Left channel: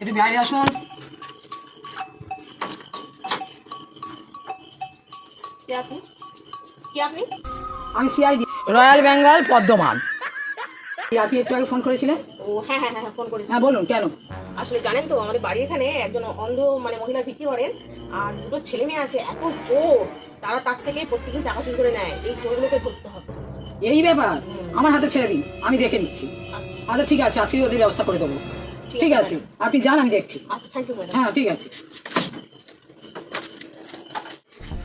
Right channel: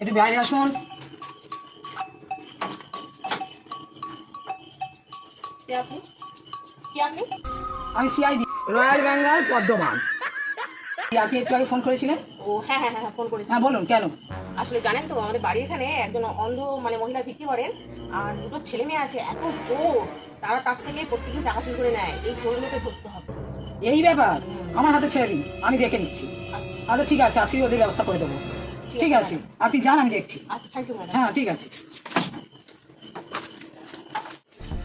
একটু বাইরে আসুন আমি সিআইডি রয়্যাল বেঙ্গল পদ্মমান আপনি একটু আগে ফোন করেছিলেন? ও হ্যাঁ হ্যাঁ হ্যাঁ ফোন করেছি। হ্যাঁ বলুন কেন? আসলে জানেন তো আমাদের বাড়ির এখানে একজন অন্ধ মানে মহিলা বিক্রি করেন আর দুটো ছেলে মেয়ে আছে এত চোর তারা তার থেকে প্রত্যেকদিন টাকা চুরি করে নেয় এই চোরগুলোকে ধরতে হবে। এই ব্যাপার? আমার হাতে ছেড়ে দিন আমি দেখে নিচ্ছি। আচ্ছা। আচ্ছা ঠিক আছে আজকে ওদের ব্যবস্থা করে দেবো। ঠিক আছে আপনি যান আমি দেখছি। আচ্ছা হ্যাঁ ঠিক আছে।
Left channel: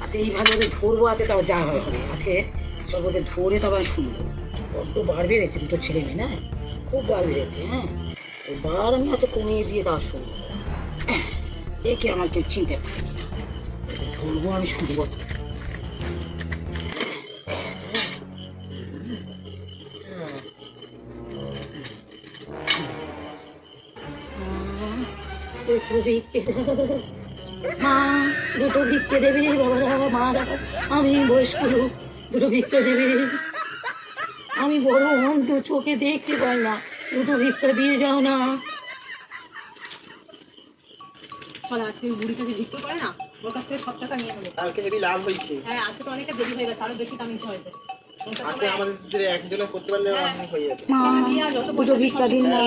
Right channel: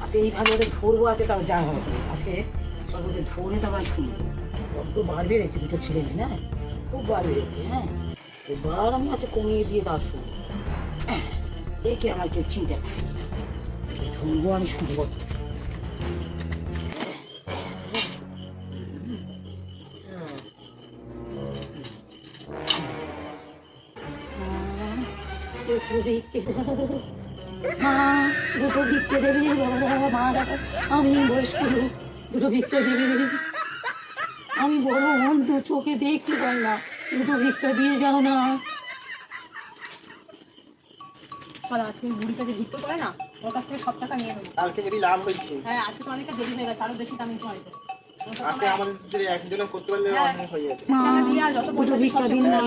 আচ্ছা এইভাবে ওদের ধরবো আছে তাও যা হবে। আজকে সব ওদের ধরে তবে আমি শুনব। একটু বার বেড়েছে দুটো ছেলে মেয়ে না? খুব বার বেড়েছে হ্যাঁ? এবার আমি হচ্ছে কমিয়ে দিয়ে তাও শুনব একে আমার কেউ চিনতে পারে ধরবো আমি শুনব। মা দুটো ভিক্ষে দেবে বাবা মা আমি বয়স্ক দুটো ভিক্ষে দেবে আমি বড় অন্ধ চোখে দেখতে পাই না। দুটো ভিক্ষা দিয়ে যাও না আজকে বুড়িটাকে ভিক্ষে করে না ওর কাছ থেকে সব টাকা নিয়ে নেব কালকে হেবি লাভ হয়েছে। হ্যাঁ আজকে তো অনেকটা দেরি হয়ে গেছে আরও বেশি দামি হয়তো। হয়ে। মা দুটো ভিক্ষা দিন না।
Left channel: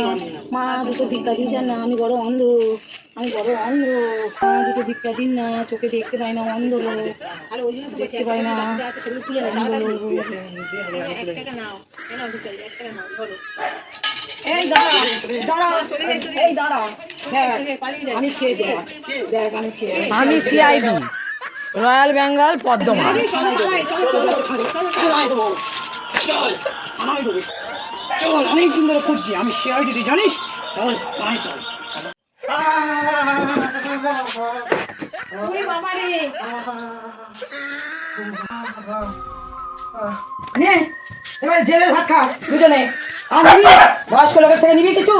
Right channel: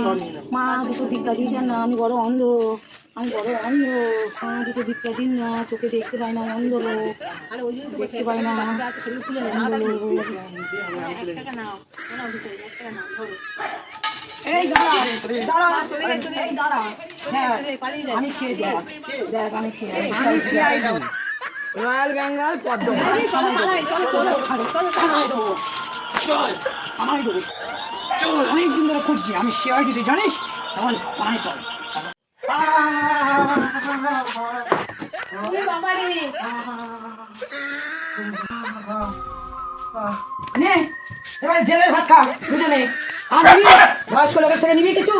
মা দুটো ভিক্ষা না। আমি বড় অন্ধ। আমি বড় অন্ধ। মা দুটো ভিক্ষা দিন না। চোখে দেখতে পাই না অন্ধ লোক। দেখতে পাই না এই দাঁড়া দাঁড়া এই দাঁড়া। হ্যাঁ আমি খেয়ে দেখ দেখ আমি খেয়ে আমি সিআইডি রয়্যাল বেঙ্গল পদ্ম চল আমাকে অনেক দিন ধরে খুঁজছি আমি সিআইডি তুই জানিস চল পায়ে চল জেলের ভাত খা দুজনে আর নিবি বয়স্ক লোকের থেকে নিবি কিছু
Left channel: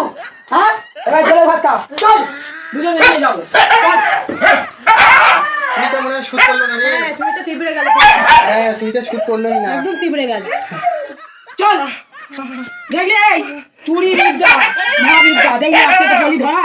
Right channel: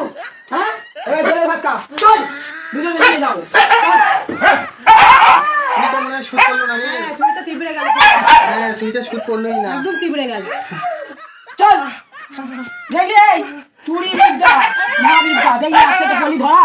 হ্যাঁ এবার জেলের ভাত খা চল দুজনে নিয়ে যাব চুরিটা মনে শুট করল না রে। তুমি তো তিবড়ে গেল। হ্যাঁ শুট করলোই না। একদম তিবড়ে গেল। চল দেখলি চুরি বিদ্যা মা বিদ্যা দেখলি আজকে তো গলি ধরা।